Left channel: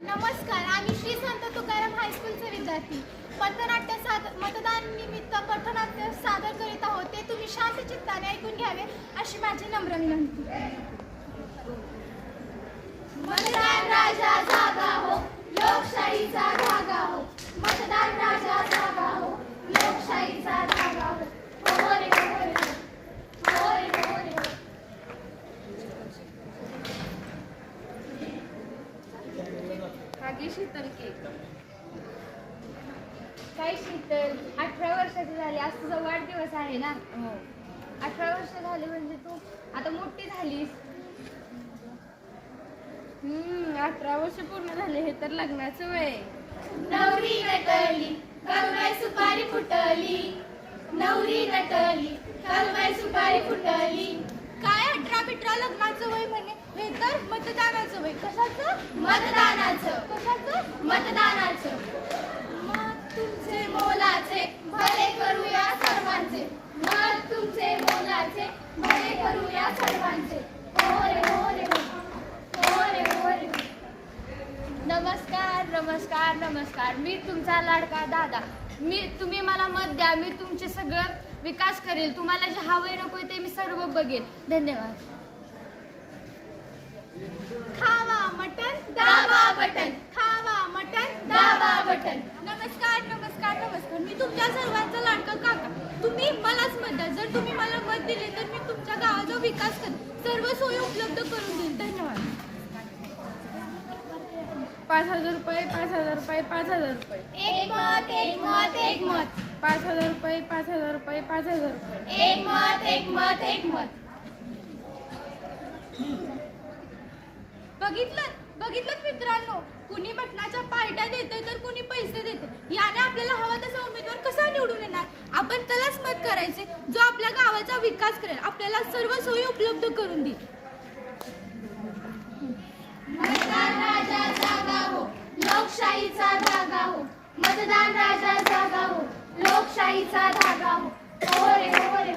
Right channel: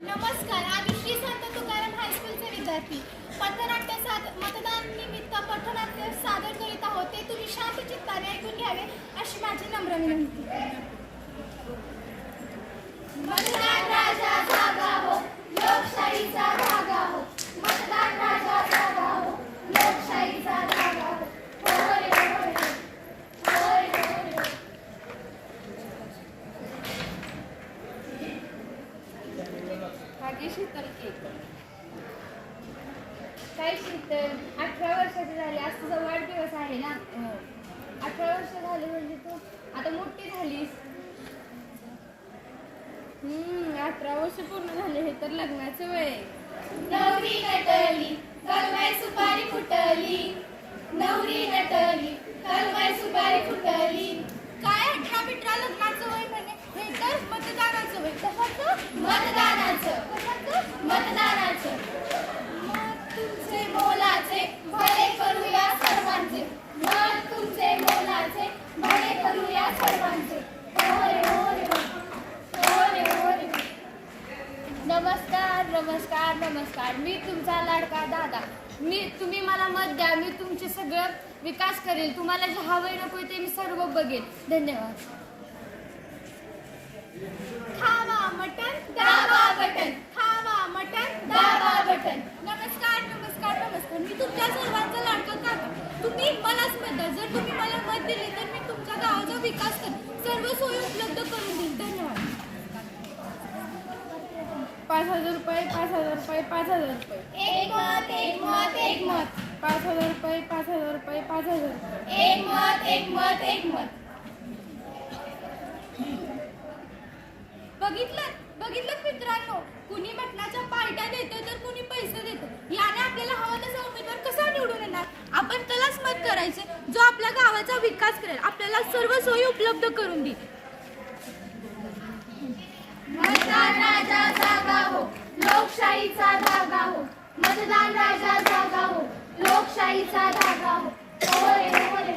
नमस्कार, आम्ही श्री संत तुकाराम हायस्कूलचे विद्यार्थी मतदान निमित्त पथनाट्य सादर करीत आहोत. ते तुम्ही शांत चित्ताने ऐकून घ्यावे अशी माझी नम्र विनंती. मतदान राजा जागा हो, लोकशाहीचा धागा हो. मतदान राजा जागा हो, लोकशाहीचा धागा हो. होय, होय, होय, होय, होय. शीतल केक काय शीतल, 18 वर्षाची झाली. आज तुझा वाढदिवस आहे ना. 18 वर्ष झाले म्हणजे तू आता मोठी झालीस. 18 वर्ष पूर्ण झाले. हे तर लग्नाचं वय. नवरी नटली कलमाई सुपारी फुटली. नवरी नटली कलमाई सुपारी फुटली. काय 18 लग्नाचं वय म्हणे. हे तर मतदानाचं वय. कशाचं? मतदानाचं. कशाचं? मतदानाचं. मग तुमचे मोलाचे भले करूया सर्वांचे. मग तुमचे मोलाचे भले करूया सर्वांचे. होय, होय, होय, होय. नमस्कार नमस्कार नमस्कार. मी तुमचा लाडका दादा. तुम्ही मला मत द्या. मी तुमचे सगळं विकास करेल. तुम्हाला जे हवंय नकोय ते मी सर्व बघेन. धन्यवाद. खावा मटन दाबा बटन. खावा मटन दाबा बटन. नमस्कार नमस्कार नमस्कार. मी तुमच्या सर्वांचा लाडका काका. तुम्ही मलाच मत द्या. जर तुम्ही मला मत दिले तर मी तुमच्या गावाचा विकास करेन. सर्व सोयी उपलब्ध करून देईन. धन्यवाद. 5,000 रुपये 5,000 रुपये 5,000 रुपये. एक मत एक मत एक मत. 5,000 रुपये 5,000 रुपये 5,000 रुपये. एक मत एक मत एक मत. बघितलं मित्रांनो, कुणी मटणाच्या पार्ट्या देते तर कुणी पैसे देते. याने आपल्याला हवा तसा उमेदवार कसा निवडून येणार. आपण त्यालाच मत करायचे जो आपल्या गावाचा विकास करेल, आपल्याला सर्व सोयी उपलब्ध करून देईल. मतदान राजा जागा हो, लोकशाहीचा धागा हो. मतदान राजा जागा हो, लोकशाहीचा धागा हो. होय, होय.